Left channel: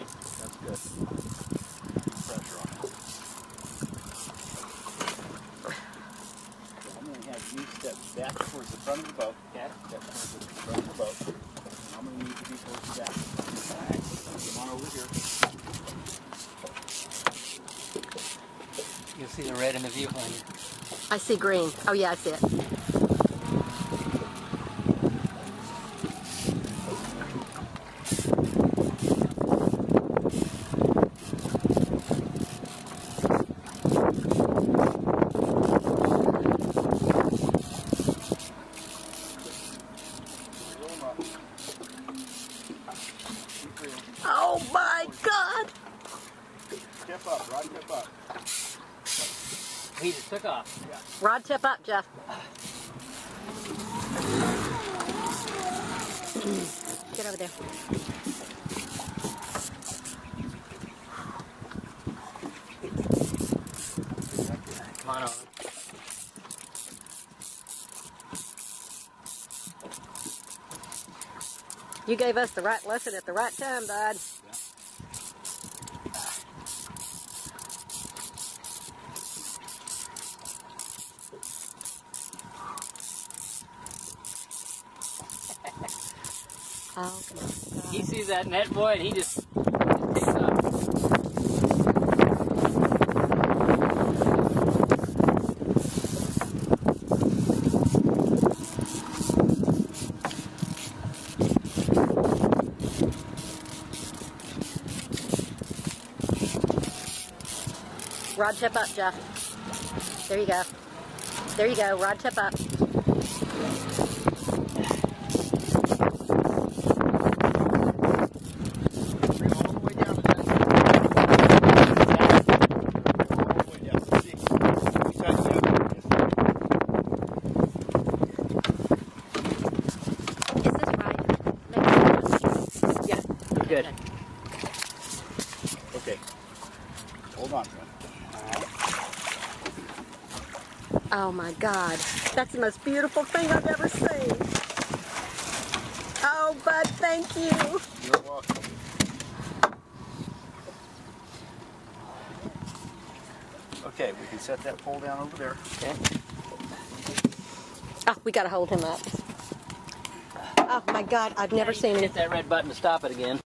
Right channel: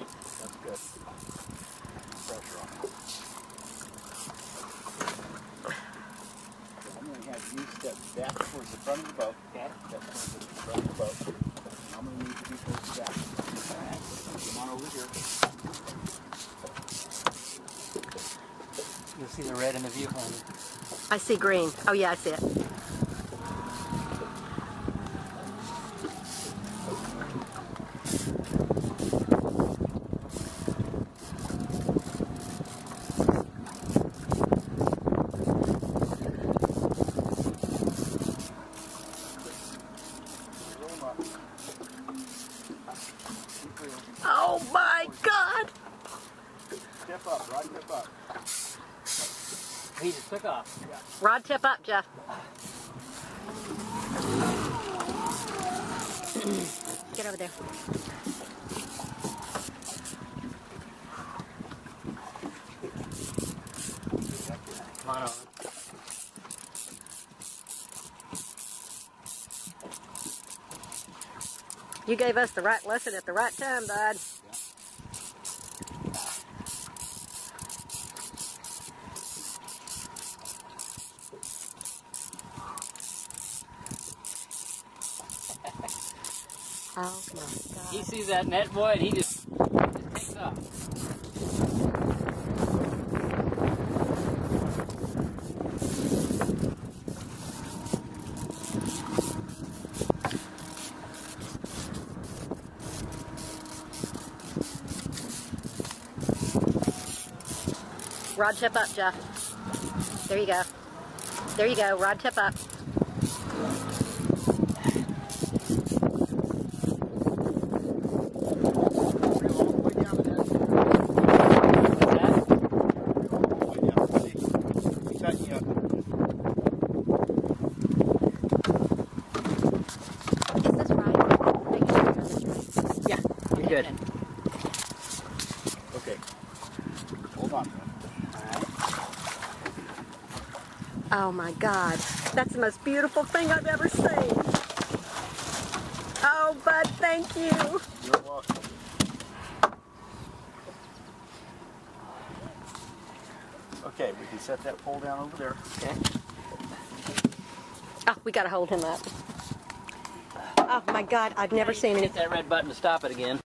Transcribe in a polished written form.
point. That's good. Pressure on it. I'm going to have you step back towards the front of the boat. Okay. Step towards the front of the boat. And I'm going to need to be towards the back. Alright. Come on over here. You'll see the red in the viewfinder. I see green. Oh yeah, I see it. Oh my God! Tip up, rod tip up. He just took off. Yeah. Rod tip up, Jeff. Get over there. Come on over. You gave us the right lesson at the right time, bud. Yeah. Oh my God. He sees that net, boy, and he just takes off. Rod tip up, Jeff. There you go. There you go. Rod tip up. Is this right? Yeah, you're good. Okay. Hold on. Oh my God. That's the most beautiful thing I've ever seen. Oh, bud, thank you. You're welcome. Okay, we can set that pole down over there. Okay. Oh, we got to hold him up. Oh my God, I've never seen him. Hit that red button to stop it again.